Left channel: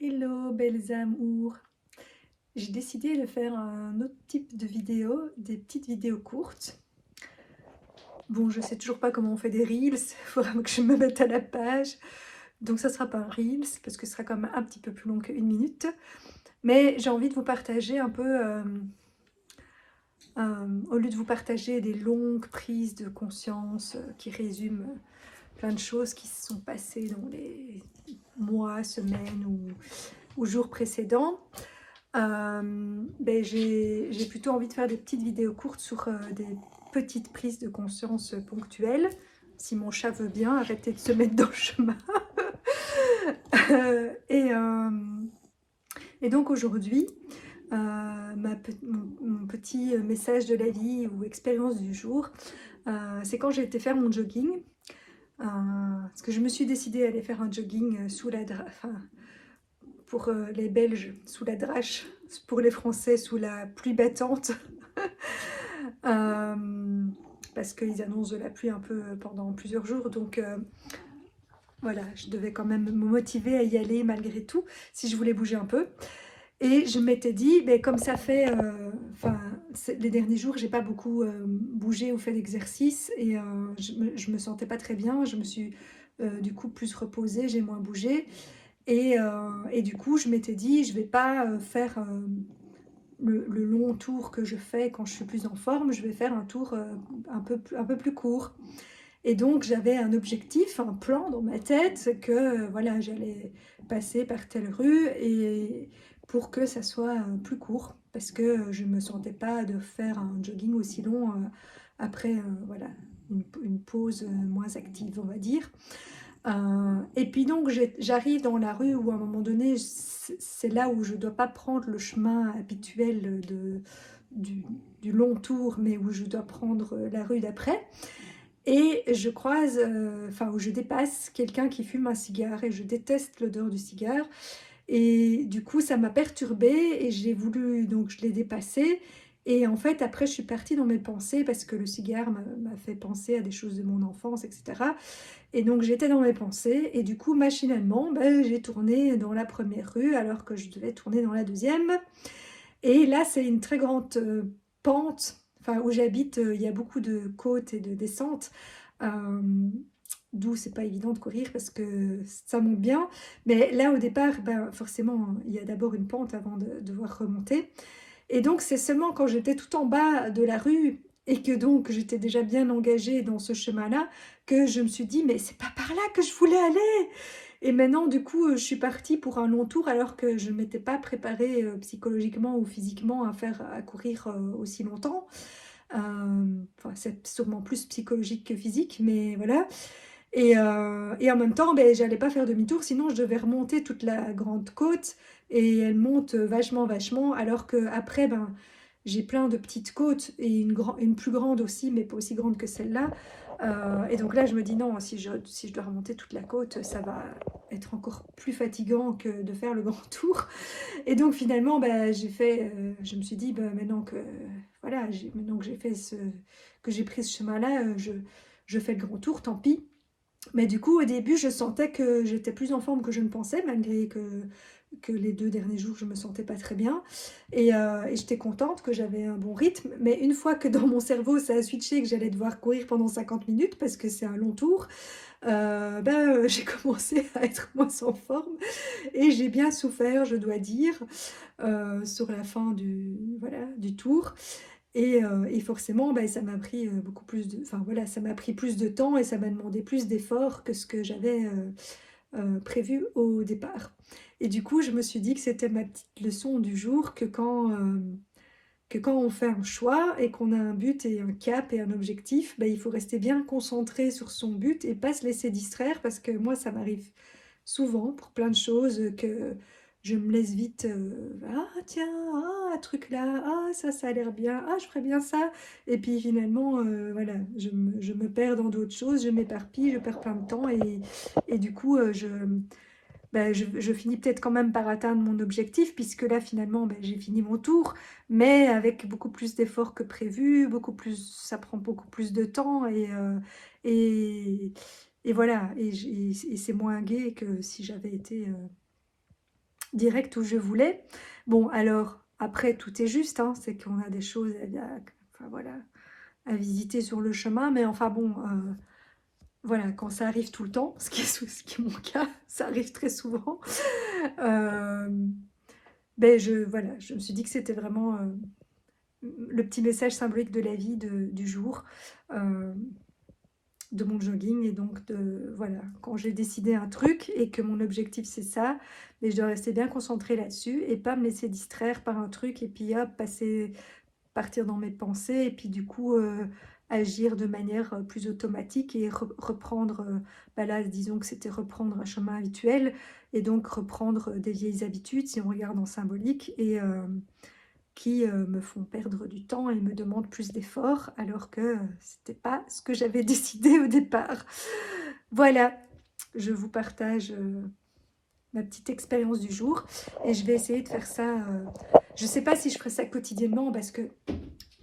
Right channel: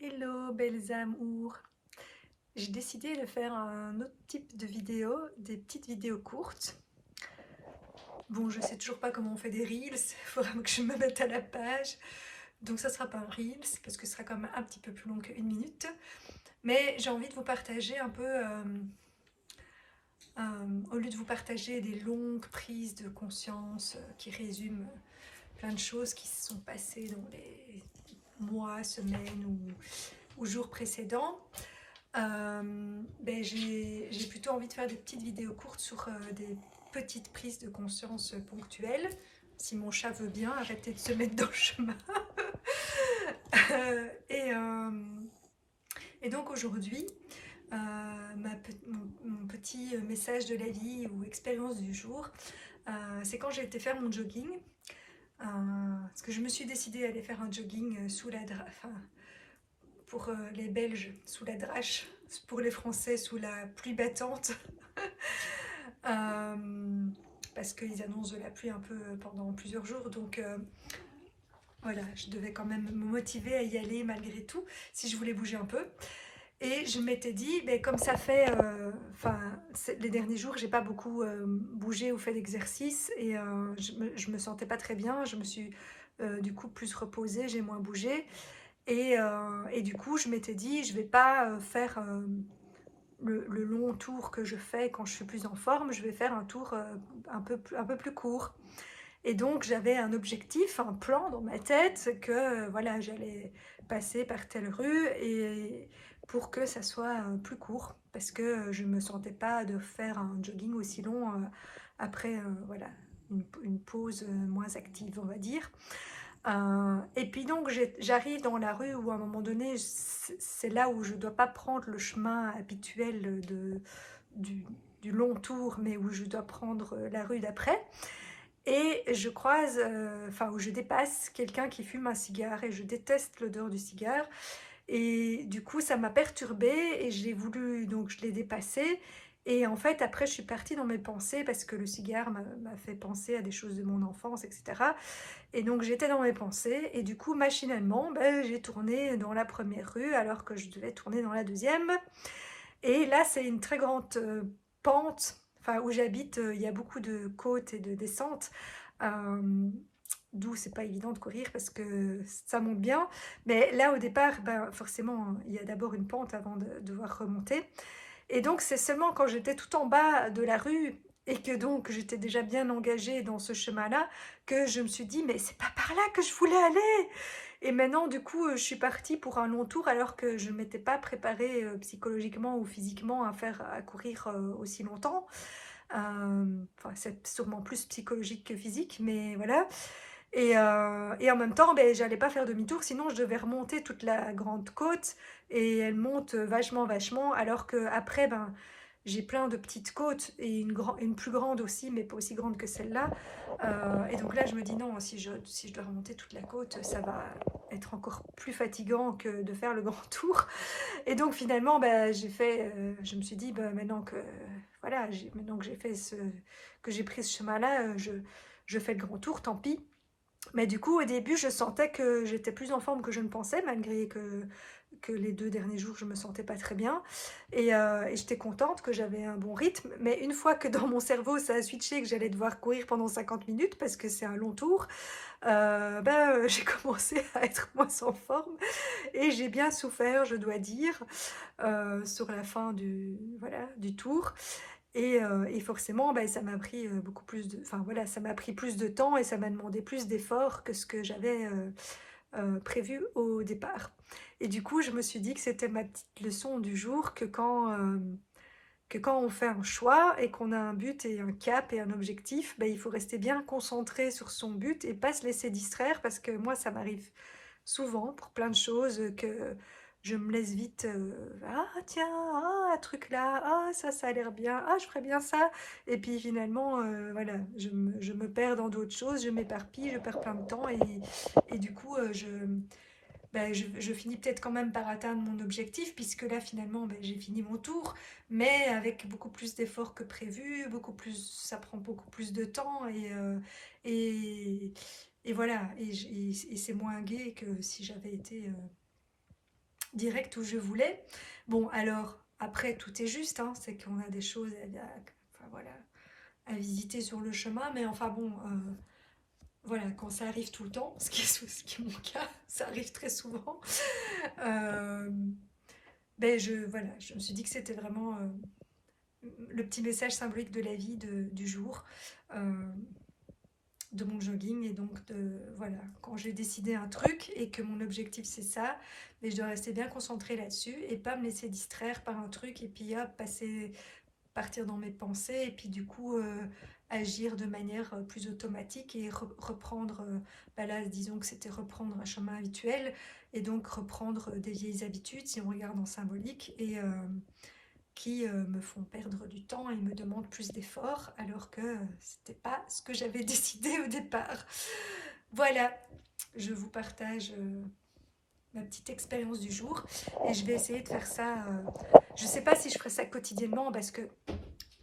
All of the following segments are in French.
Hello belles amours! J'ai décidé de faire un autre type de vidéo, des petites vidéos courtes. Bon, je sais toujours pas comment on fait des reels, il faudra que je me mette à la page. Donc ça sera pas un reels, parce que ce sera quand même un petit peu plus long qu'une minute. Mais j'ai envie de vous partager un peu, au lieu de vous partager des longues prises de conscience qui résument plein de choses qui se sont passées dans les mois, semaines ou jours précédents. J'ai plutôt envie de faire des petites vidéos courtes sur des petites prises de conscience ponctuelles. Si mon chat veut bien, arrêter de se mettre dans le chemin. Euh, et, euh, et donc aujourd'hui, mon petit message de la vie ou expérience du jour, c'est quand j'ai été faire mon jogging. Parce que je me suis décidée à aller faire un jogging sous la pour les Belges sous la drache, pour les Français sous la pluie battante, parce qu'ils annoncent de la pluie un peu pendant plusieurs jours, donc voilà, je devais quand même me motiver à y aller malgré tout, si je voulais bouger un peu. Et je m'étais dit, ben, comme ça fait, les derniers jours, j'ai pas beaucoup bougé ou fait d'exercice, et je me sentais pas très bien, je me suis du coup plus reposée, j'ai moins bougé. Et du coup, je m'étais dit, je vais pas faire le long tour que je fais quand je suis plus en forme, je vais faire un tour un peu plus court. Et donc, j'avais un objectif, un plan dans ma tête que voilà, j'allais passer par telle rue et pour que ça soit plus court, parce que je me sentais pas de faire un jogging aussi long après voilà, une pause moins active, on va dire. Et puis donc j'arrive dans la rue où à un moment donné, c'est là où je ne dois pas prendre le chemin habituel du, du long tour, mais où je dois prendre la rue d'après. Et je croise, où je dépasse quelqu'un qui fume un cigare et je déteste l'odeur du cigare. Et du coup, ça m'a perturbée et j'ai voulu, donc je l'ai dépassé. Et en fait, après, je suis partie dans mes pensées parce que le cigare m'a fait penser à des choses de mon enfance, etc. Et donc, j'étais dans mes pensées et du coup, machinalement, ben, j'ai tourné dans la première rue alors que je devais tourner dans la deuxième. Et là, c'est une très grande pente, enfin, où j'habite, il y a beaucoup de côtes et de descentes. Euh, D'où c'est pas évident de courir parce que ça monte bien. Mais là, au départ, ben, forcément, il y a d'abord une pente avant de devoir remonter. Et donc, c'est seulement quand j'étais tout en bas de la rue et que donc j'étais déjà bien engagée dans ce chemin-là que je me suis dit, mais c'est pas par là que je voulais aller. Et maintenant, du coup, je suis partie pour un long tour alors que je ne m'étais pas préparée psychologiquement ou physiquement à courir aussi longtemps. Enfin, c'est sûrement plus psychologique que physique, mais voilà. Et en même temps, ben, j'allais pas faire demi-tour, sinon je devais remonter toute la grande côte et elle monte vachement, vachement, alors que après, ben, j'ai plein de petites côtes et une plus grande aussi, mais pas aussi grande que celle-là. Et donc là, je me dis non, si je dois remonter toute la côte, ça va être encore plus fatigant que de faire le grand tour. Et donc finalement, ben, je me suis dit, ben, voilà, maintenant que que j'ai pris ce chemin-là, je fais le grand tour, tant pis. Mais du coup, au début, je sentais que j'étais plus en forme que je ne pensais, malgré que les 2 derniers jours, je me sentais pas très bien. Et j'étais contente que j'avais un bon rythme. Mais une fois que dans mon cerveau, ça a switché, que j'allais devoir courir pendant 50 minutes, parce que c'est un long tour, j'ai commencé à être moins en forme. Et j'ai bien souffert, je dois dire, sur la fin voilà, du tour. Et forcément, ben, ça m'a pris beaucoup plus de, enfin voilà, ça m'a pris plus de temps et ça m'a demandé plus d'efforts que ce que j'avais prévu au départ. Et du coup, je me suis dit que c'était ma petite leçon du jour que quand on fait un choix et qu'on a un but et un cap et un objectif, ben, il faut rester bien concentré sur son but et pas se laisser distraire parce que moi, ça m'arrive souvent pour plein de choses que je me laisse vite ah tiens, ah un truc là, ah ça a l'air bien, ah je ferais bien ça. Et puis finalement, voilà, je me perds dans d'autres choses, je m'éparpille, je perds plein de temps et du coup, ben, je finis peut-être quand même par atteindre mon objectif, puisque là, finalement, ben, j'ai fini mon tour, mais avec beaucoup plus d'efforts que prévu, ça prend beaucoup plus de temps, et, et voilà, et c'est moins gai que si j'avais été direct où je voulais. Bon, alors, après, tout est juste, hein, c'est qu'on a des choses enfin, voilà, à visiter sur le chemin, mais enfin bon, voilà, quand ça arrive tout le temps, ce qui est mon cas, ça arrive très souvent, euh, ben voilà, je me suis dit que c'était vraiment le petit message symbolique de la vie du jour, euh, de mon jogging. Et donc, voilà, quand j'ai décidé un truc et que mon objectif c'est ça, mais je dois rester bien concentrée là-dessus et pas me laisser distraire par un truc et puis hop, partir dans mes pensées et puis du coup agir de manière plus automatique et reprendre, bah là disons que c'était reprendre un chemin habituel et donc reprendre des vieilles habitudes si on regarde en symbolique et qui me font perdre du temps et me demandent plus d'efforts alors que c'était pas ce que j'avais décidé au départ. Voilà, je vous partage ma petite expérience du jour et je vais essayer de faire ça. Je sais pas si je ferai ça quotidiennement parce que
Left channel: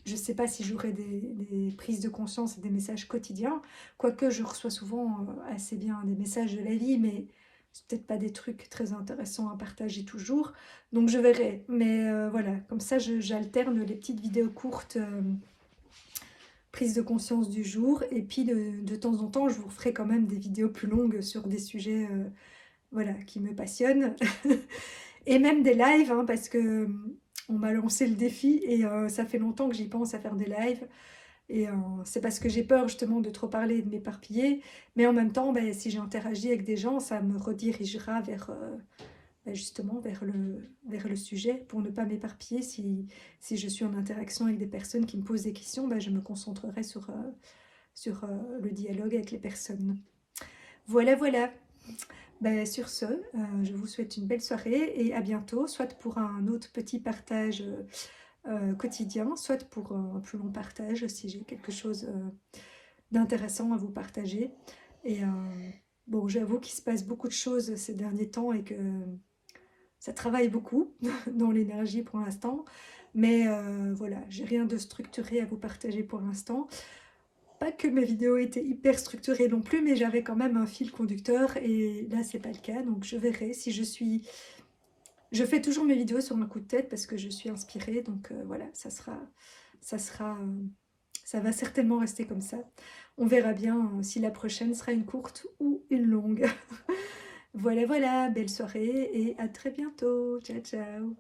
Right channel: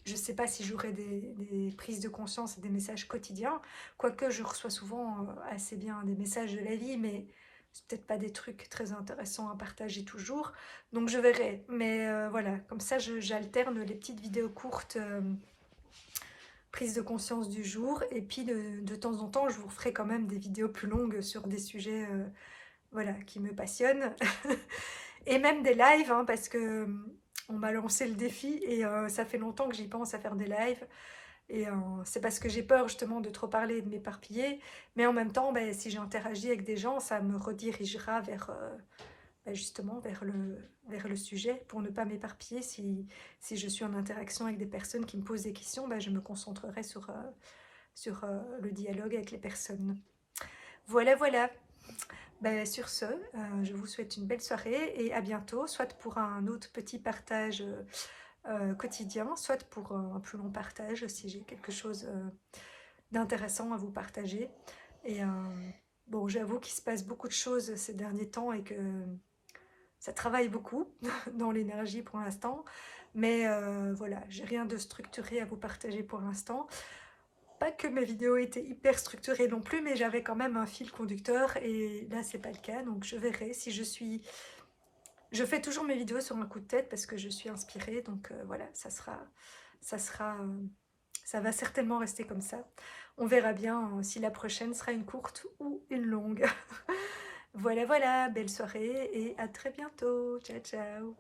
je ne sais pas si j'aurai des prises de conscience et des messages quotidiens, quoique je reçois souvent assez bien des messages de la vie, mais c'est peut-être pas des trucs très intéressants à partager toujours, donc je verrai. Mais voilà, comme ça j'alterne les petites vidéos courtes, prise de conscience du jour, et puis de temps en temps je vous ferai quand même des vidéos plus longues sur des sujets voilà, qui me passionnent. Et même des lives, hein, parce que on m'a lancé le défi et ça fait longtemps que j'y pense à faire des lives. Et c'est parce que j'ai peur justement de trop parler et de m'éparpiller. Mais en même temps, ben, si j'interagis avec des gens, ça me redirigera vers, ben, justement vers le sujet pour ne pas m'éparpiller. Si je suis en interaction avec des personnes qui me posent des questions, ben, je me concentrerai sur le dialogue avec les personnes. Voilà, voilà. Ben, sur ce, je vous souhaite une belle soirée et à bientôt, soit pour un autre petit partage quotidien, soit pour un plus long partage si j'ai quelque chose d'intéressant à vous partager. Et bon, j'avoue qu'il se passe beaucoup de choses ces derniers temps et que ça travaille beaucoup dans l'énergie pour l'instant. Mais voilà, j'ai rien de structuré à vous partager pour l'instant. Pas que mes vidéos étaient hyper structurées non plus, mais j'avais quand même un fil conducteur et là c'est pas le cas, donc je verrai si je suis... Je fais toujours mes vidéos sur un coup de tête parce que je suis inspirée, donc voilà, ça sera, ça va certainement rester comme ça. On verra bien si la prochaine sera une courte ou une longue. Voilà, voilà, belle soirée et à très bientôt. Ciao, ciao.